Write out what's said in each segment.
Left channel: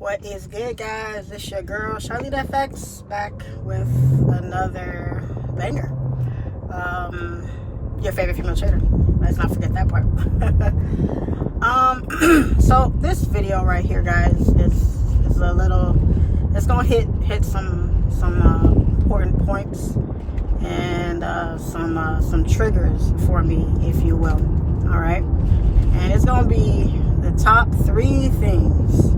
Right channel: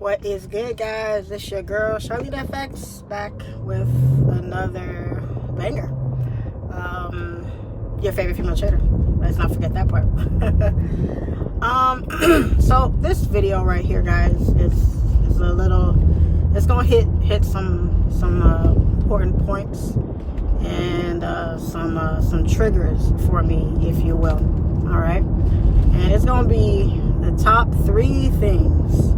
What is good, guys? It's your girl SIMPLEFX back with another banger. Your favorite female trader. Let's not forget that part. So this video right here, guys, is a little. It's gonna hit some important points and some triggers for me, if you will. All right, and it's gonna be the top 3 things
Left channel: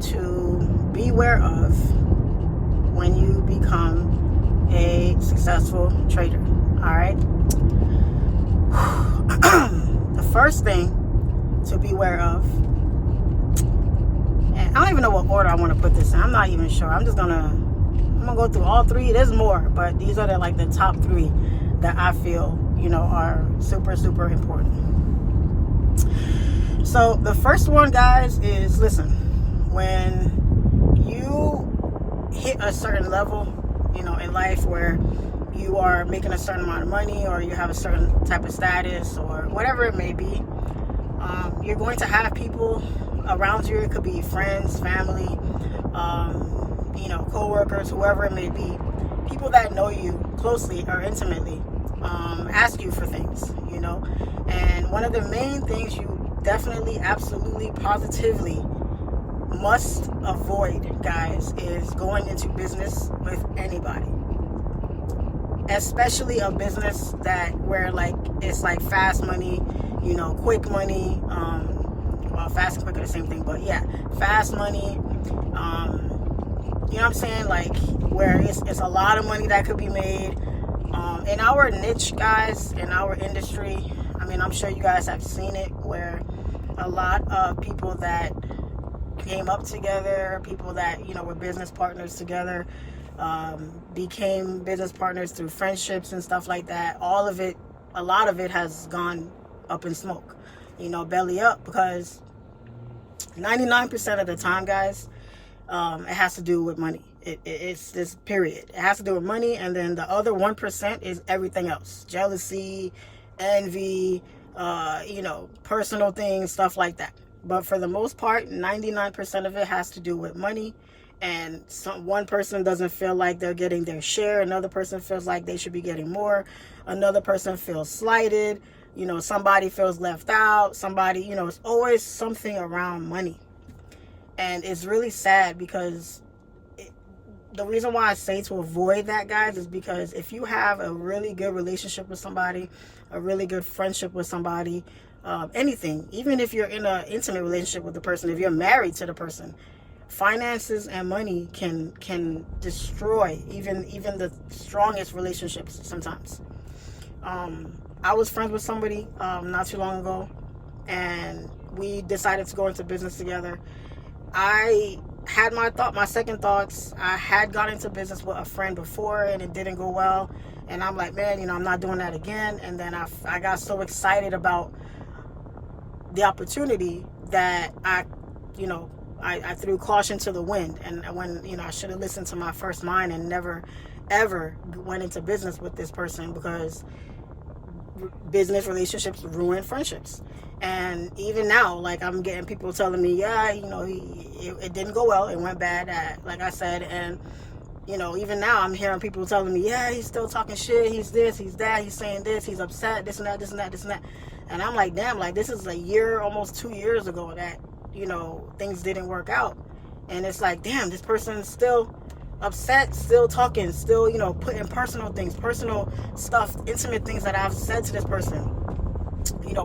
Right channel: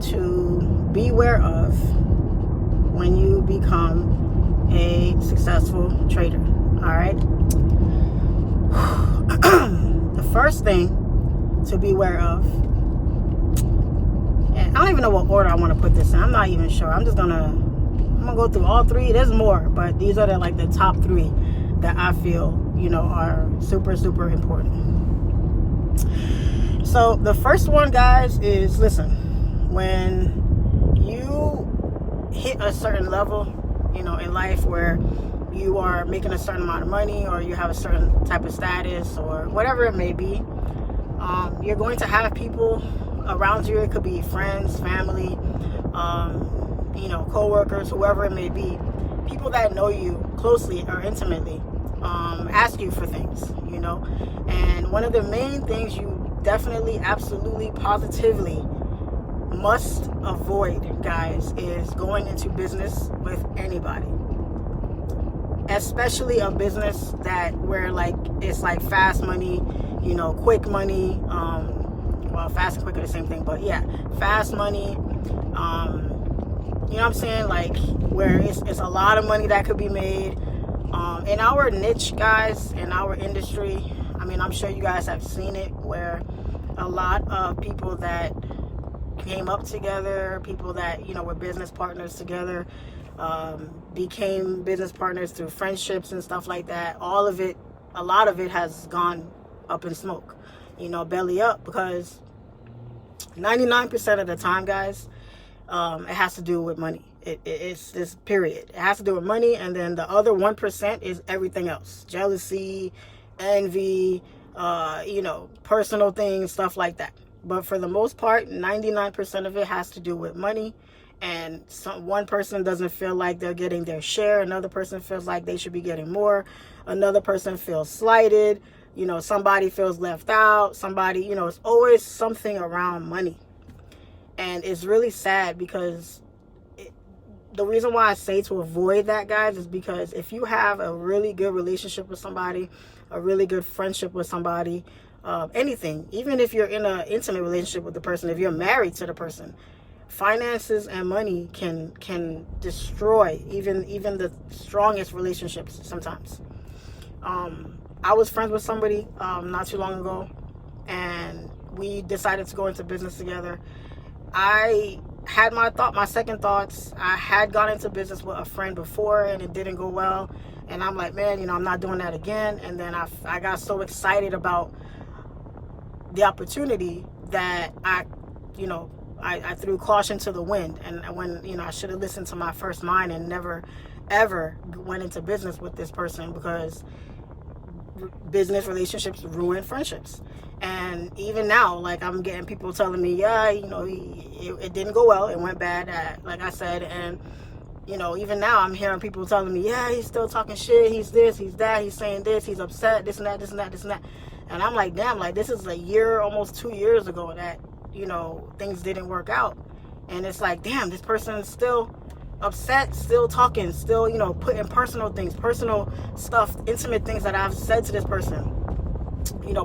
to beware of when you become a successful trader. All right. The first thing to beware of, and I don't even know what order I want to put this in. I'm not even sure. I'm gonna go through all 3. There's more, but these are the top 3 that I feel are super important. So the first one, guys, is listen. When you hit a certain level, in life where you are making a certain amount of money, or you have a certain type of status, or whatever it may be, you're going to have people around you. It could be friends, family, co-workers, whoever it may be, people that know you closely or intimately, ask you for things, and one of the main things you definitely, absolutely, positively must avoid, guys, is going into business with anybody, especially a business where it's fast money, quick money. Well, fast and quick are the same thing, but yeah, fast money. You know what I'm saying? Where it's a lot of money that could be made. In our niche, guys, in our industry, I'm sure you guys have seen it, where a lot of people that came up together, people that were business partners together, became business partners through friendships and stuff like that. A lot of it has gone up in smoke, belly up, because 99% of the time, guys, it has to do with money. It's this period. It has to do with money, and then the other 1% is everything else: jealousy, envy, personal things, stuff like that. But for the most part, 99% of it has to do with money. And one person doesn't feel like they're getting their share. Another person feels like they should be getting more. Another person feels slighted. Somebody feels left out. Somebody, it's always something around money. And it's really sad, because the reason why I say to avoid that, guys, is because if you have a really good relationship with somebody, a really good friendship with somebody, anything, even if you're in an intimate relationship with the person, if you're married to the person, finances and money can destroy even the strongest relationships sometimes. I was friends with somebody not too long ago, and we decided to go into business together. I had my second thoughts. I had gone into business with a friend before, and it didn't go well. And I'm like, man, I'm not doing that again. And then I got so excited about the opportunity that I threw caution to the wind. And when, I should have listened to my first mind and never, ever went into business with this person, because business relationships ruin friendships. And even now, I'm getting people telling me, yeah, it didn't go well. It went bad, like I said. And, even now I'm hearing people telling me, yeah, he's still talking shit. He's this, he's that, he's saying this, he's upset, this and that, this and that, this and that. And I'm like, damn, this is a year, almost 2 years ago that, things didn't work out. And it's like, damn, this person is still upset, still talking, still, putting personal things, personal stuff, intimate things that I've said to this person,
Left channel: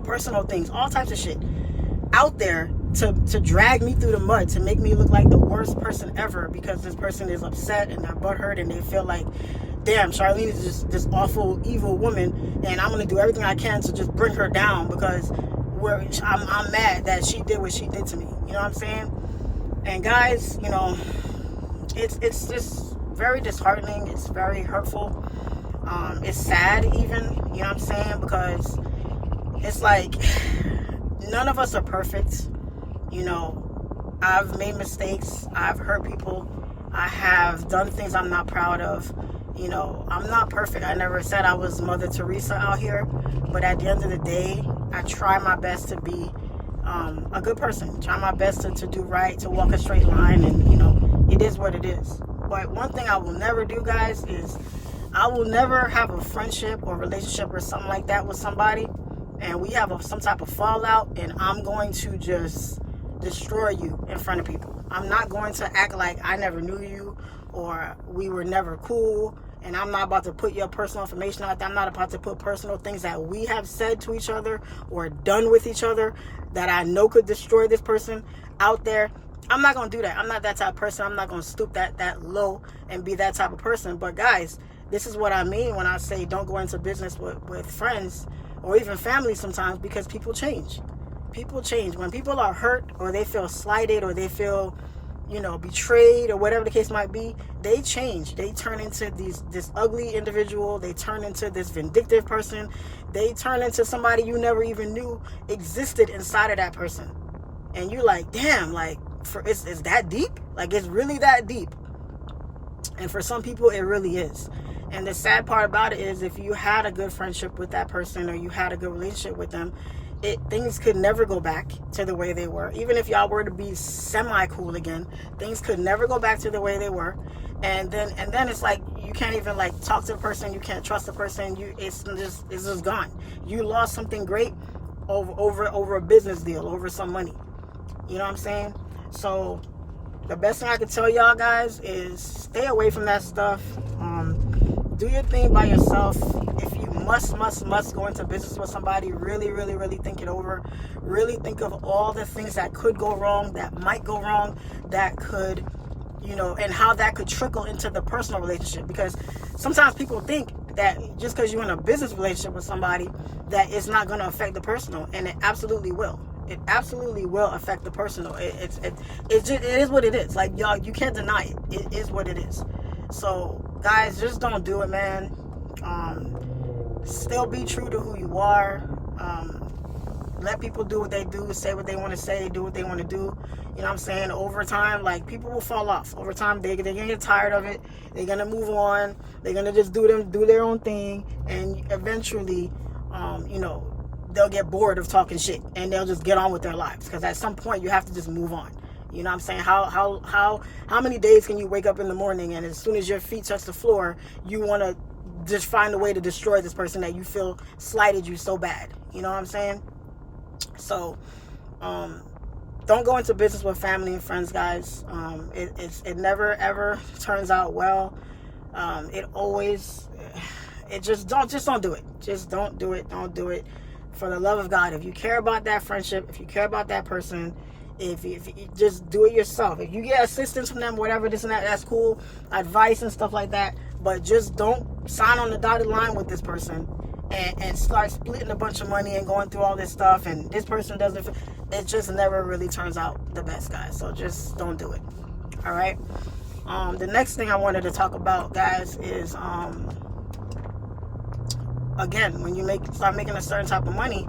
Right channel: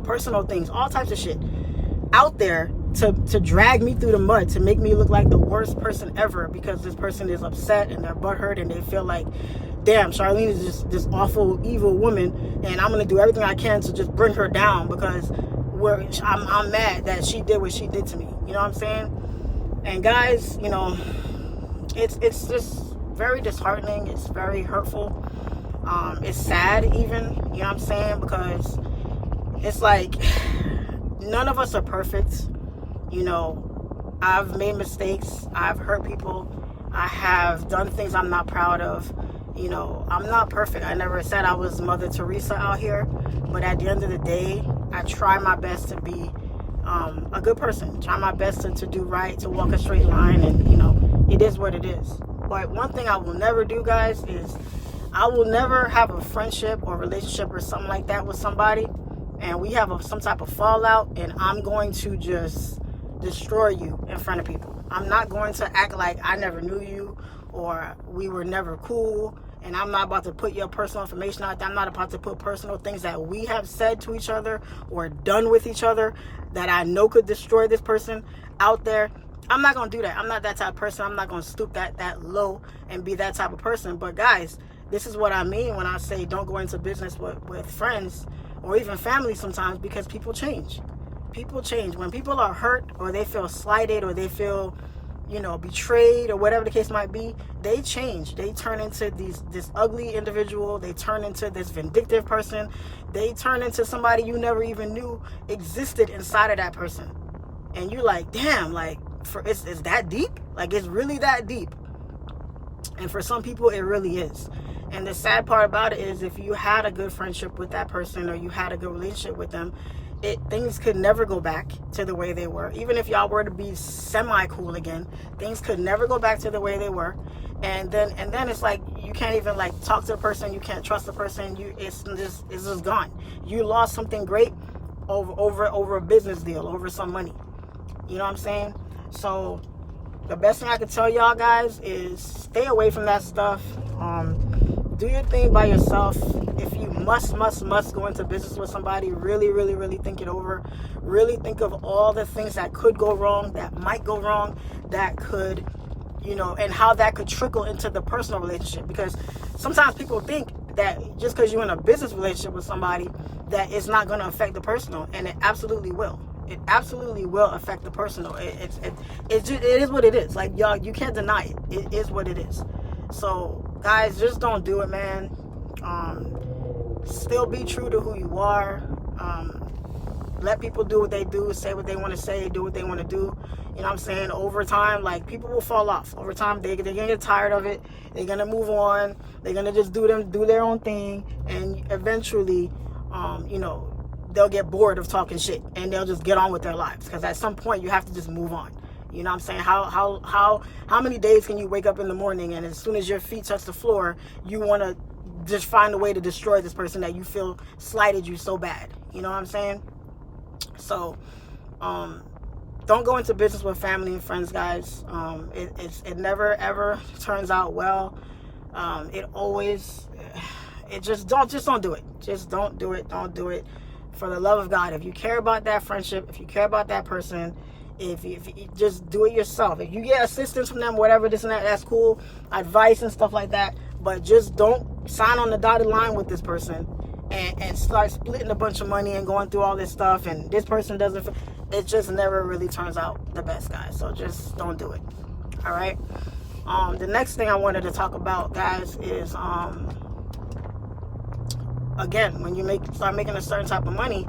personal things, all types of shit out there to drag me through the mud, to make me look like the worst person ever, because this person is upset and they're butthurt, and they feel like, damn, Charlene is just this awful, evil woman, and I'm going to do everything I can to just bring her down, because I'm mad that she did what she did to me. You know what I'm saying? And guys, it's just very disheartening. It's very hurtful. It's sad even, you know what I'm saying? Because it's like, none of us are perfect. I've made mistakes. I've hurt people. I have done things I'm not proud of. I'm not perfect. I never said I was Mother Teresa out here. But at the end of the day, I try my best to be a good person. Try my best to do right, to walk a straight line, and you know, it is what it is. But one thing I will never do, guys, is I will never have a friendship or relationship or something like that with somebody, and we have some type of fallout, and I'm going to just destroy you in front of people. I'm not going to act like I never knew you or we were never cool, and I'm not about to put your personal information out there. I'm not about to put personal things that we have said to each other or done with each other that I know could destroy this person out there. I'm not going to do that. I'm not that type of person. I'm not going to stoop that low and be that type of person. But guys, this is what I mean when I say don't go into business with friends or even family sometimes, because people change. People change. When people are hurt or they feel slighted or they feel, you know, betrayed or whatever the case might be, they change. They turn into this ugly individual. They turn into this vindictive person. They turn into somebody you never even knew existed inside of that person. And you're like, damn, like, it's that deep? Like, it's really that deep? And for some people, it really is. And the sad part about it is, if you had a good friendship with that person or you had a good relationship with them, things could never go back to the way they were. Even if y'all were to be semi-cool again, things could never go back to the way they were. And then it's like you can't even like talk to a person, you can't trust a person. It's just gone. You lost something great over a business deal, over some money. You know what I'm saying? So the best thing I can tell y'all guys is stay away from that stuff. Do your thing by yourself. If you must go into business with somebody, really think it over. Really think of all the things that could go wrong, that might go wrong, that could, you know, and how that could trickle into the personal relationship. Because sometimes people think that just because you're in a business relationship with somebody, that it's not going to affect the personal, and it absolutely will. It absolutely will affect the personal. It is what it is. Like, y'all, you can't deny it. It is what it is. So guys, just don't do it, man. Still be true to who you are. Let people do what they do, say what they want to say, do what they want to do. You know what I'm saying? Over time, like, people will fall off. Over time, they're gonna get tired of it. They're gonna move on. They're gonna just do their own thing, and eventually, you know, they'll get bored of talking shit and they'll just get on with their lives. Because at some point, you have to just move on. You know what I'm saying? How many days can you wake up in the morning and as soon as your feet touch the floor, you want to just find a way to destroy this person that you feel slighted you so bad? You know what I'm saying? So, don't go into business with family and friends, guys. It never ever turns out well. Just don't do it. Just don't do it. Don't do it. For the love of God, if you care about that friendship, if you care about that person, if you just do it yourself. If you get assistance from them, whatever, this and that, that's cool. Advice and stuff like that. But just don't sign on the dotted line with this person and start splitting a bunch of money and going through all this stuff. And this person doesn't. It just never really turns out the best, guys. So just don't do it. All right. The next thing I wanted to talk about, guys, is again, when you start making a certain type of money,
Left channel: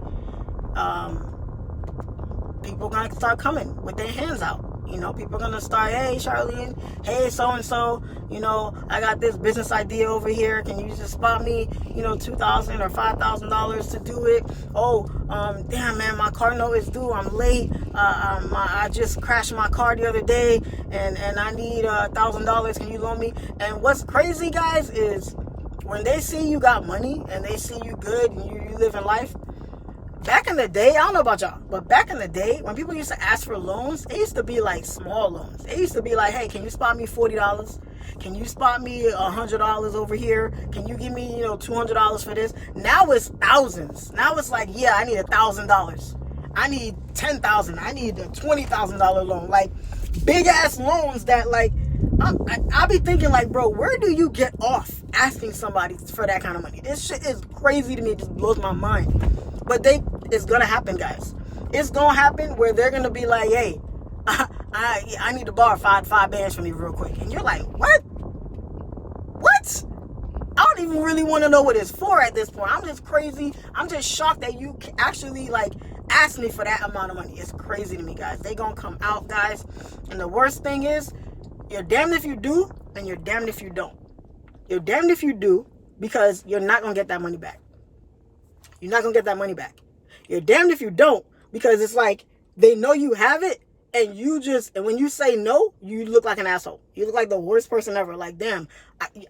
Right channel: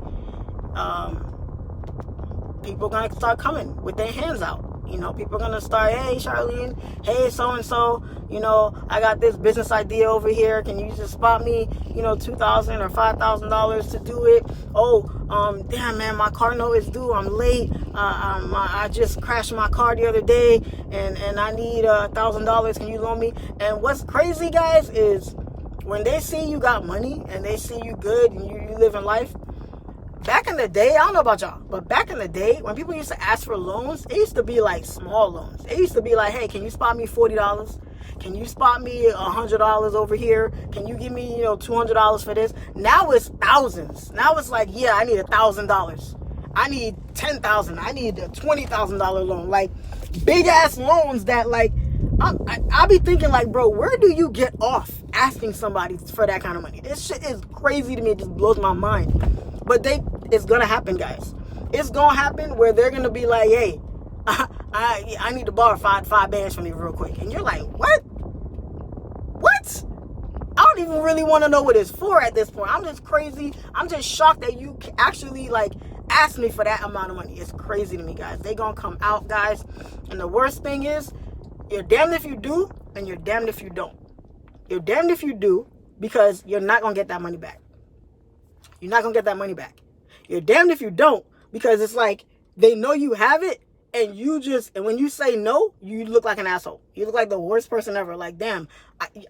people are gonna start coming with their hands out. You know, people are gonna start, hey Charlene, hey so and so, you know, I got this business idea over here. Can you just spot me, you know, $2,000 or $5,000 to do it? Oh, damn man, my car note is due. I'm late. I just crashed my car the other day, and I need $1,000. Can you loan me? And what's crazy, guys, is when they see you got money and they see you good and you living life. Back in the day, I don't know about y'all, but back in the day, when people used to ask for loans, it used to be like small loans. It used to be like, hey, can you spot me $40? Can you spot me $100 over here? Can you give me, you know, $200 for this? Now it's thousands. Now it's like, yeah, I need $1,000. I need $10,000. I need a $20,000 loan. Like, big ass loans that, like, I'll be thinking, like, bro, where do you get off asking somebody for that kind of money? This shit is crazy to me. It just blows my mind. But it's gonna happen, guys. It's gonna happen where they're gonna be like, hey, I need to borrow five bands from you real quick. And you're like, what? I don't even really want to know what it's for at this point. I'm just crazy. I'm just shocked that you actually, like, ask me for that amount of money. It's crazy to me, guys. They gonna come out, guys. And the worst thing is, you're damned if you do, and you're damned if you don't. You're damned if you do, because you're not gonna get that money back. You're not gonna get that money back. You're damned if you don't, because it's like they know you have it, and when you say no, you look like an asshole. You look like the worst person ever. Like, damn,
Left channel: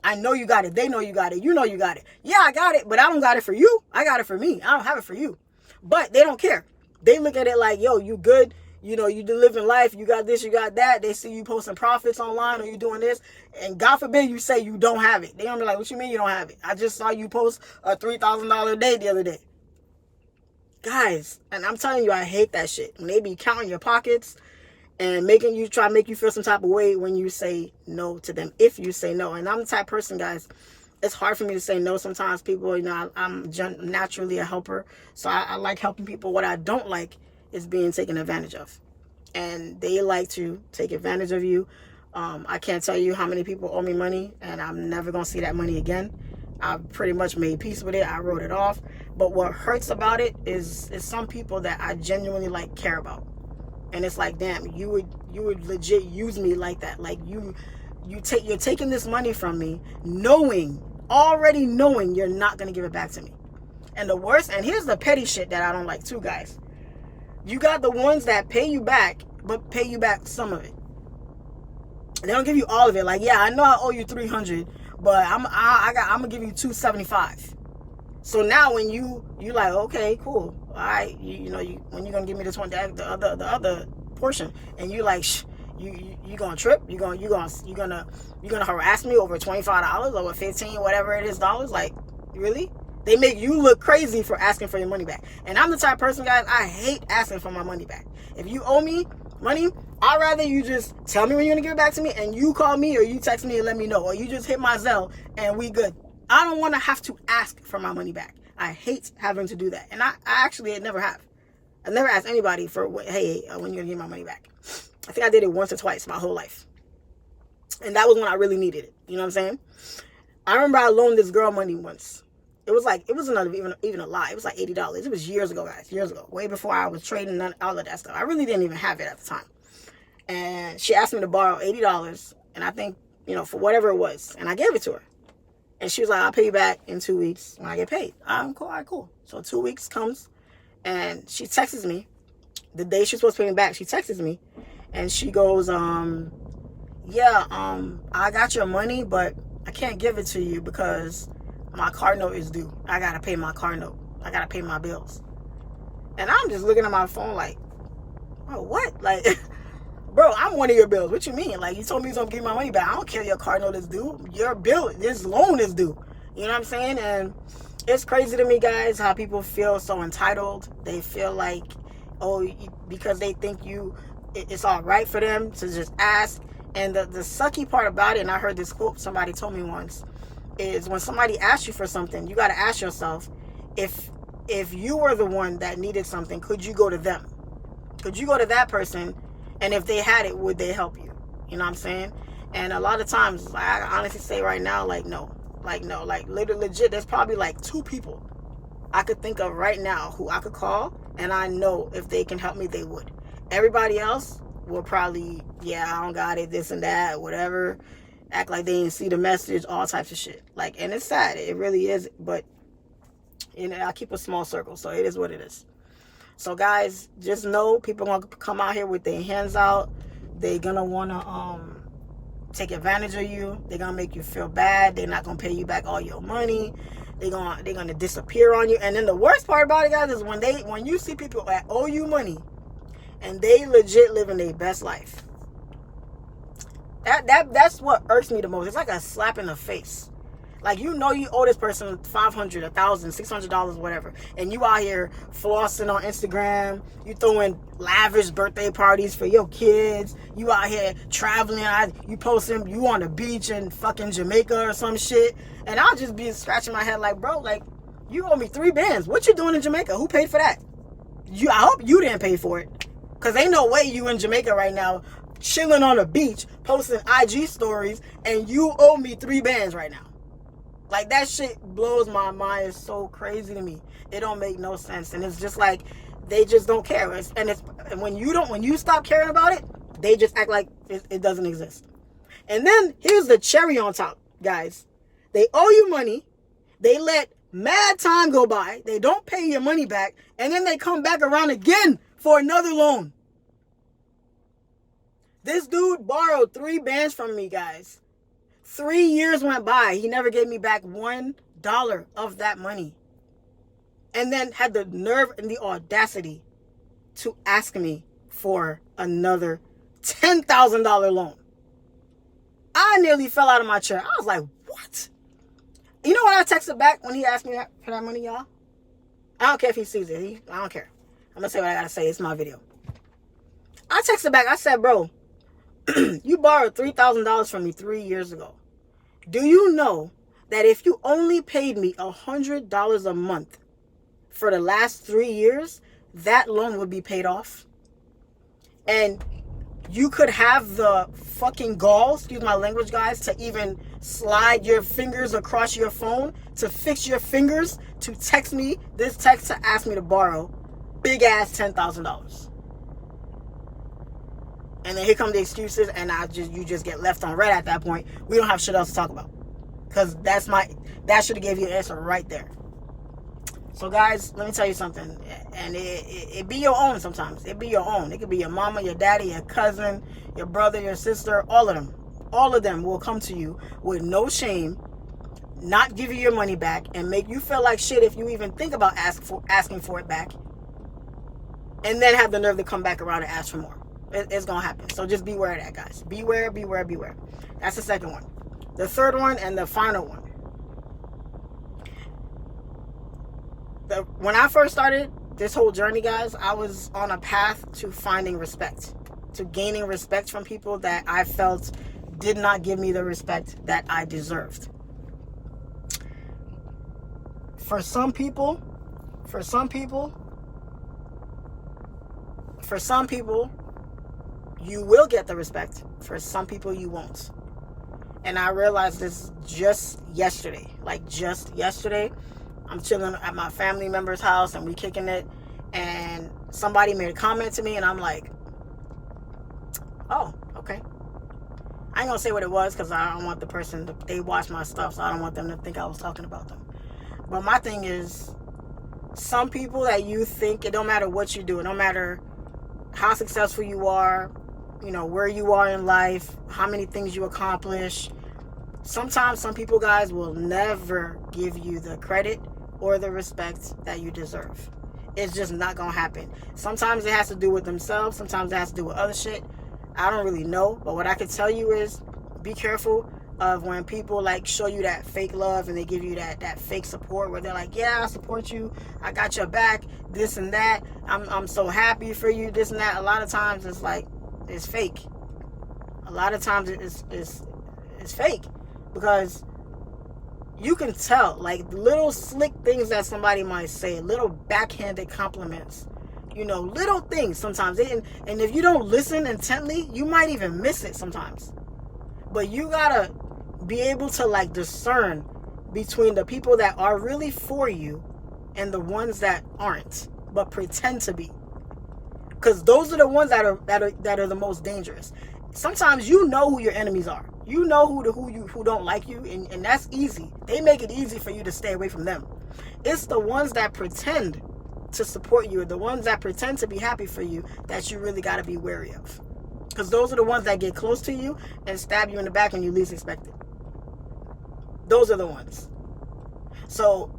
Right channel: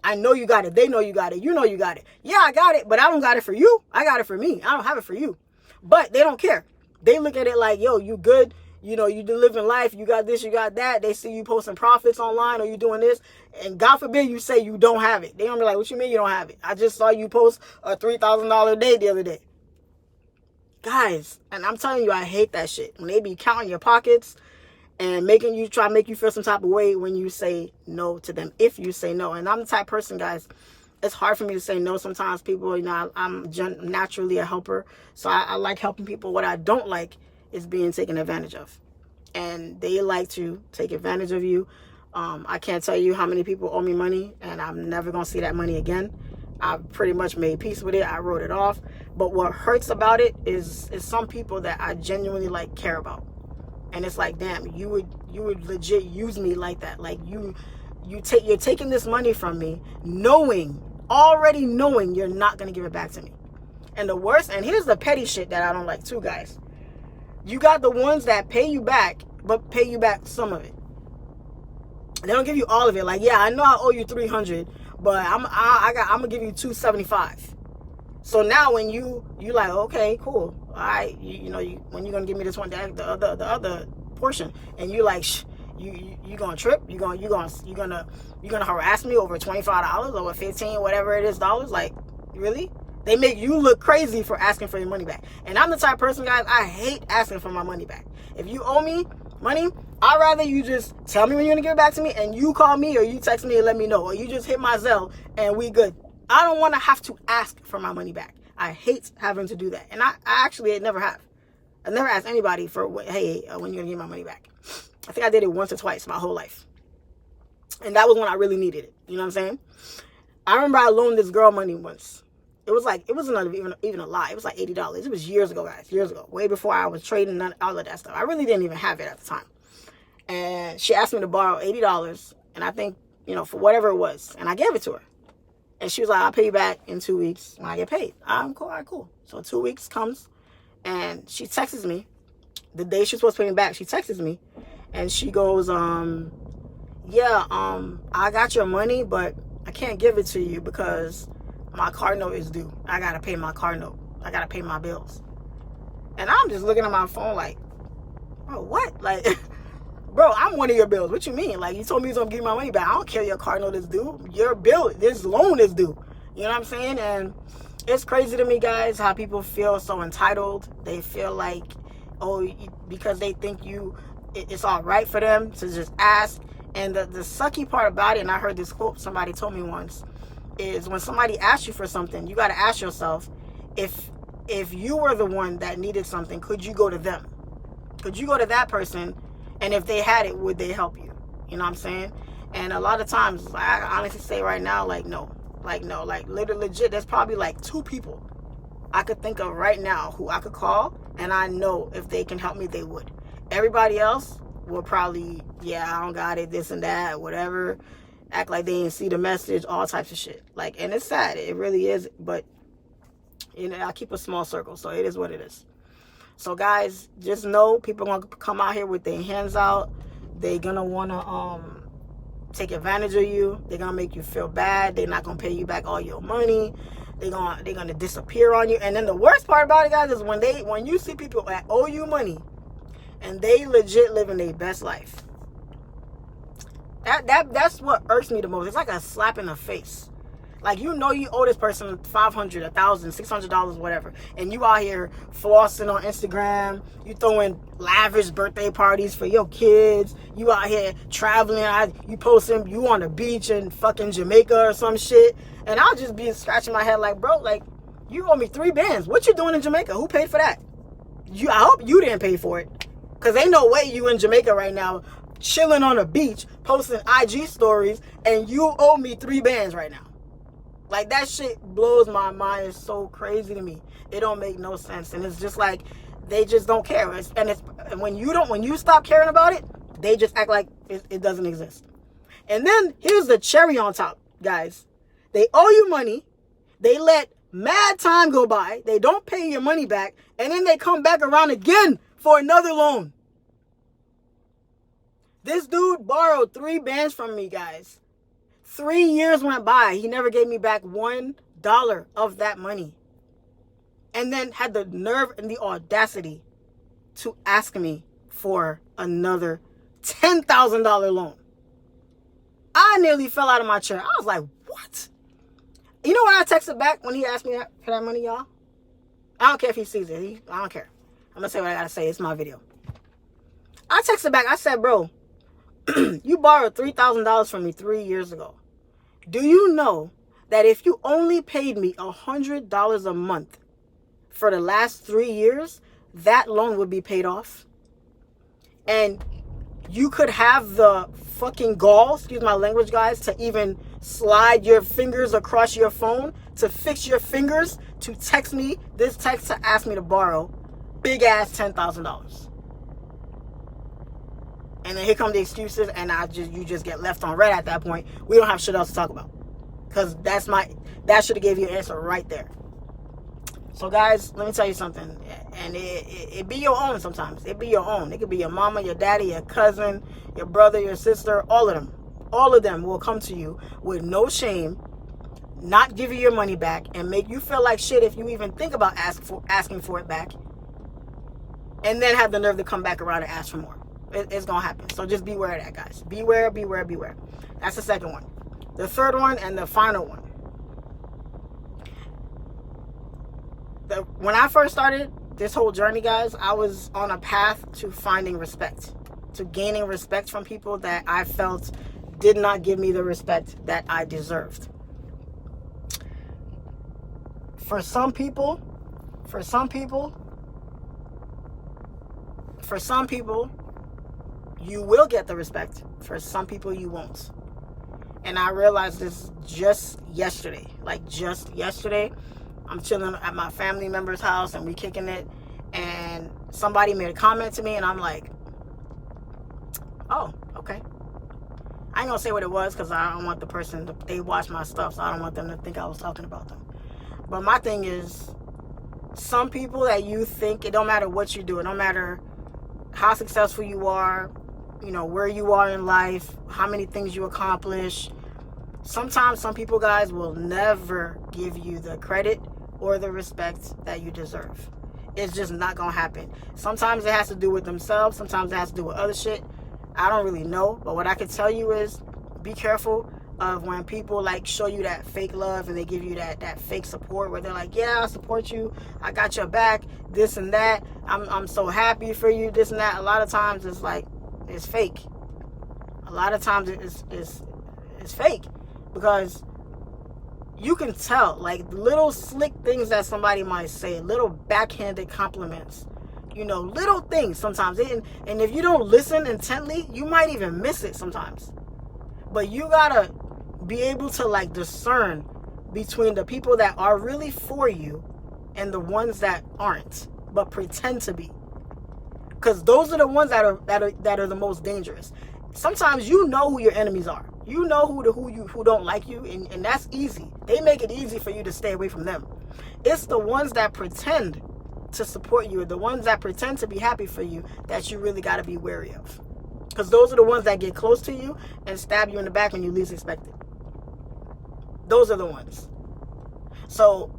I know you got it. They know you got it. You know you got it. Yeah, I got it, but I don't got it for you. I got it for me. I don't have it for you. But they don't care. They look at it like, yo, you good. You know, you living life. You got this, you got that. They see you posting profits online or you doing this. And God forbid you say you don't have it. They don't be like, what you mean you don't have it? I just saw you post a $3,000 a day the other day. Guys, and I'm telling you, I hate that shit. When they be counting your pockets and make you feel some type of way when you say no to them, if you say no. And I'm the type of person, guys, it's hard for me to say no sometimes. People, you know, I'm naturally a helper. So I like helping people. What I don't like is being taken advantage of. And they like to take advantage of you. I can't tell you how many people owe me money, and I'm never going to see that money again. I've pretty much made peace with it. I wrote it off. But what hurts about it is some people that I genuinely like care about. And it's like, damn, you would legit use me like that. Like you're taking this money from me, already knowing you're not gonna give it back to me. And the worst, and here's the petty shit that I don't like too, guys. You got the ones that pay you back, but pay you back some of it. They don't give you all of it. Like, yeah, I know I owe you $300, but I'm gonna give you $275. So now when you like, okay, cool, all right, when you gonna give me this one, the other portion, and you like, you gonna trip, you gonna harass me over $25, over $15, whatever it is dollars, like, really? They make you look crazy for asking for your money back. And I'm the type of person, guys, I hate asking for my money back. If you owe me money, I'd rather you just tell me when you're gonna give it back to me, and you call me or you text me and let me know, or you just hit my Zelle and we good. I don't want to have to ask for my money back. I hate having to do that. And I actually never have. I've never asked anybody for, hey, when you're going to give my money back. I think I did it once or twice my whole life. And that was when I really needed it. You know what I'm saying? I remember I loaned this girl money once. It wasn't even a lie. It was like $80. It was years ago, guys. Years ago. Way before I was trading and all of that stuff. I really didn't even have it at the time. And she asked me to borrow $80. And I think, for whatever it was. And I gave it to her. And she was like, I'll pay you back in 2 weeks when I get paid. I'm cool, all right, cool. So 2 weeks comes, and she texts me. The day she's supposed to pay me back, she texts me. And she goes, I got your money, but I can't give it to you because my car note is due. I got to pay my car note. I got to pay my bills. And I'm just looking at my phone like, oh, what? Like, bro, I'm one of your bills. What you mean? Like, you told me you was going to give me my money back. I don't care your car note is due. Your bill, this loan is due. You know what I'm saying? And it's crazy to me, guys, how people feel so entitled. They feel like, because they think it's all right for them to just ask. And the sucky part about it, and I heard this quote somebody told me once, is when somebody asks you for something, you got to ask yourself, if you were the one that needed something, could you go to them? Could you go to that person? And if they had it, would they help you? You know what I'm saying? And a lot of times, I honestly say right now, no, literally legit, there's probably like 2 people I could think of right now who I could call, and I know if they can help me, they would. Everybody else will probably, I don't got it, this and that, whatever, act like they didn't see the message, all types of shit. Like, and it's sad, it really is, but, I keep a small circle, so it is what it is. So guys, just know people are going to come out here with their hands out. They're going to want to take advantage of you. They're going to make you feel bad. They're not going to pay you back all your money. They're going to disappear on you. And then the worst part about it, guys, is when you see people that owe you money and they legit living their best life. That's what irks me the most. It's like a slap in the face. Like, you owe this person $500, $1,000, $600, whatever. And you out here flossing on Instagram. You throwing lavish birthday parties for your kids. You out here traveling. You posting you on the beach in fucking Jamaica or some shit. And I'll just be scratching my head like, bro, like, you owe me $3 What you doing in Jamaica? Who paid for that? I hope you didn't pay for it. Because ain't no way you in Jamaica right now chilling on a beach, posting IG stories, and you owe me $3 right now. Like, that shit blows my mind. It's so crazy to me. It don't make no sense. And it's just like, they just don't care. And when you stop caring about it, they just act like it doesn't exist. And then here's the cherry on top, guys. They owe you money. They let mad time go by. They don't pay your money back. And then they come back around again for another loan. This dude borrowed 3 bands from me, guys. 3 years went by. He never gave me back $1 of that money. And then had the nerve and the audacity to ask me for another $10,000 loan. I nearly fell out of my chair. I was like, what? You know what I texted back when he asked me for that money, y'all? I don't care if he sees it. I don't care. I'm going to say what I got to say. It's my video. I texted back. I said, bro, you borrowed $3,000 from me 3 years ago. Do you know that if you only paid me $100 a month for the last 3 years, that loan would be paid off? And you could have the fucking gall, excuse my language, guys, to even slide your fingers across your phone, to fix your fingers, to text me this text to ask me to borrow big ass $10,000. And then here come the excuses, and you just get left on red at that point. We don't have shit else to talk about. Because that should have gave you an answer right there. So guys, let me tell you something. And it be your own sometimes. It be your own. It could be your mama, your daddy, your cousin, your brother, your sister, all of them. All of them will come to you with no shame, not give you your money back, and make you feel like shit if you even think about asking for it back. And then have the nerve to come back around and ask for more. It's going to happen. So just beware of that, guys. Beware, beware, beware. That's the second one. The third one and the final one. When I first started this whole journey, guys, I was on a path to finding respect. To gaining respect from people that I felt did not give me the respect that I deserved. For some people, you will get the respect. For some people, you won't. And I realized this just yesterday. Like, just yesterday. I'm chilling at my family member's house, and we kicking it. And somebody made a comment to me, and I'm like, oh, okay. I ain't gonna say what it was, because I don't want the person to, they watch my stuff, so I don't want them to think I was talking about them. But my thing is, some people that you think, it don't matter what you do, it don't matter how successful you are, you know, where you are in life, how many things you accomplish. Sometimes some people, guys, will never give you the credit or the respect that you deserve. It's just not gonna happen. Sometimes it has to do with themselves, sometimes it has to do with other shit. I don't really know, but what I can tell you is, be careful of when people like show you that fake love and they give you that fake support where they're like, yeah, I support you, I got your back, this and that, I'm so happy for you, this and that. A lot of times it's like, it's fake. A lot of times it's fake, because you can tell, like, little slick things that somebody might say, little backhanded compliments, you know, little things sometimes. And if you don't listen intently, you might even miss it sometimes. But you gotta be able to, like, discern between the people that are really for you and the ones that aren't, but pretend to be. Because those are the ones that are the most dangerous. Sometimes you know who your enemies are. You know who don't like you, and that's easy. They make it easy for you to stay away from them. It's the ones that pretend to support you, or the ones that pretend to be happy for you, that you really got to be wary of. Because those are the ones that get close to you and stab you in the back when you least expect it. Those are the ones. So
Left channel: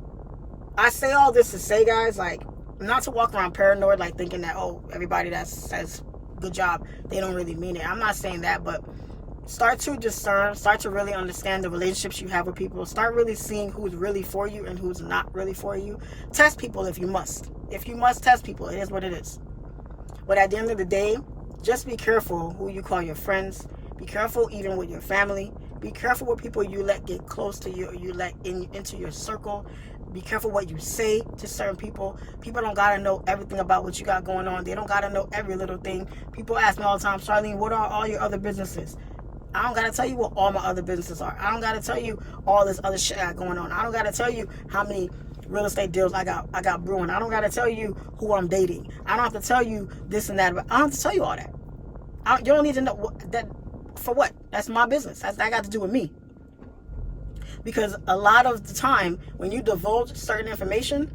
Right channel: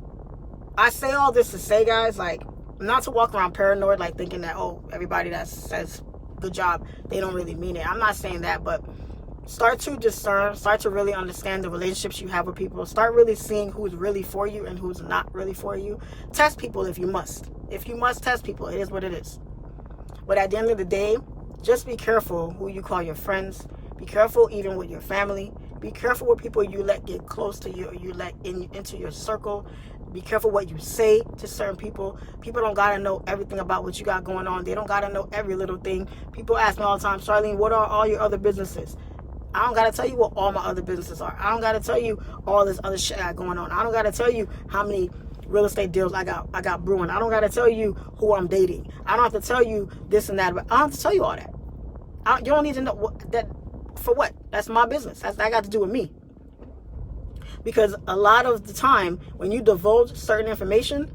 I say all this to say, guys, like, not to walk around paranoid, like thinking that, oh, everybody that says good job, they don't really mean it. I'm not saying that, but start to discern, start to really understand the relationships you have with people. Start really seeing who's really for you and who's not really for you. Test people if you must. If you must test people, it is what it is. But at the end of the day, just be careful who you call your friends. Be careful even with your family. Be careful with people you let get close to you, or you let into your circle. Be careful what you say to certain people. People don't gotta know everything about what you got going on. They don't gotta know every little thing. People ask me all the time, Charlene, what are all your other businesses? I don't gotta tell you what all my other businesses are. I don't gotta tell you all this other shit I got going on. I don't gotta tell you how many real estate deals I got brewing. I don't gotta tell you who I'm dating. I don't have to tell you this and that. But I don't have to tell you all that. You don't need to know that. For what? That's my business. That got to do with me. Because a lot of the time, when you divulge certain information,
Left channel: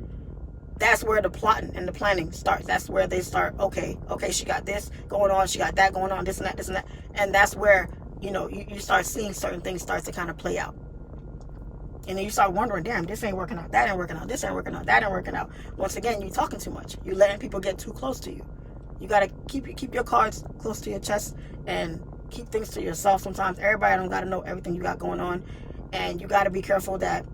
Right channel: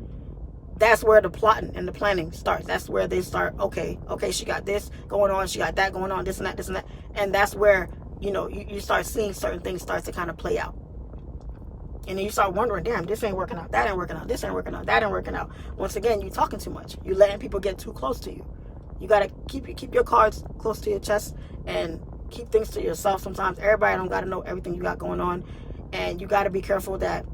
that's where the plotting and the planning starts. That's where they start, okay, she got this going on, she got that going on, this and that, this and that. And that's where, you know, you start seeing certain things start to kind of play out. And then you start wondering, damn, this ain't working out, that ain't working out, this ain't working out, that ain't working out. Once again, you're talking too much. You're letting people get too close to you. You got to keep your cards close to your chest and keep things to yourself. Sometimes everybody don't got to know everything you got going on. And you got to be careful that,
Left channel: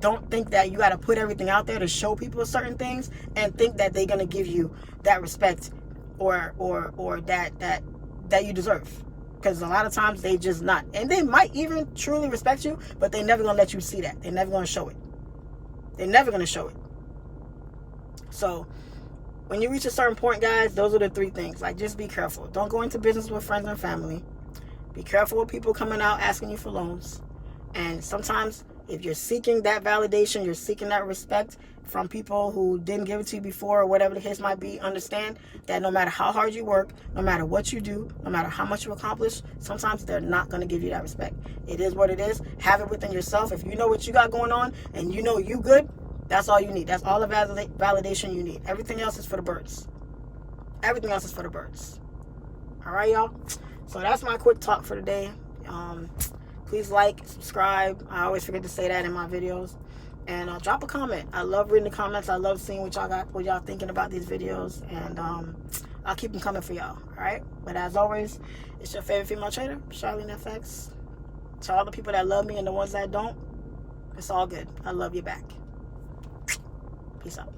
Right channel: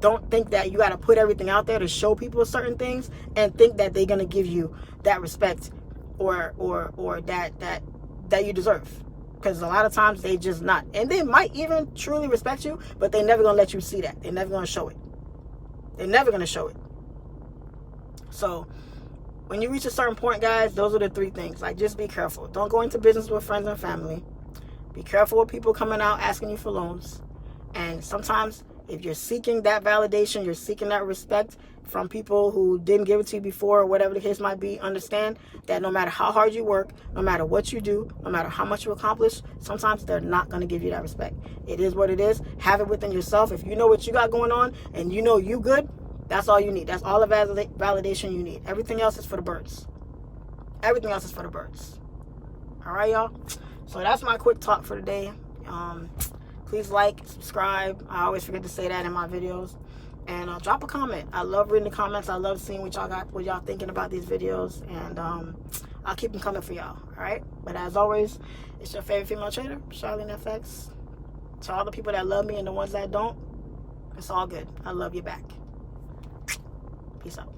don't think that you got to put everything out there to show people certain things and think that they're going to give you that respect or that you deserve. Because a lot of times they just not. And they might even truly respect you, but they never going to let you see that. They're never going to show it. They're never going to show it. So when you reach a certain point, guys, those are the 3 things. Like, just be careful. Don't go into business with friends and family. Be careful with people coming out asking you for loans. And sometimes if you're seeking that validation, you're seeking that respect from people who didn't give it to you before, or whatever the case might be, understand that no matter how hard you work, no matter what you do, no matter how much you accomplish, sometimes they're not going to give you that respect. It is what it is. Have it within yourself. If you know what you got going on and you know you good, that's all you need. That's all the validation you need. Everything else is for the birds. Everything else is for the birds. All right, y'all? So that's my quick talk for today. Please like, subscribe. I always forget to say that in my videos. And drop a comment. I love reading the comments. I love seeing what y'all got, what y'all thinking about these videos. And I'll keep them coming for y'all. All right? But as always, it's your favorite female trader, Charlene FX. To all the people that love me and the ones that don't, it's all good. I love you back. Peace out.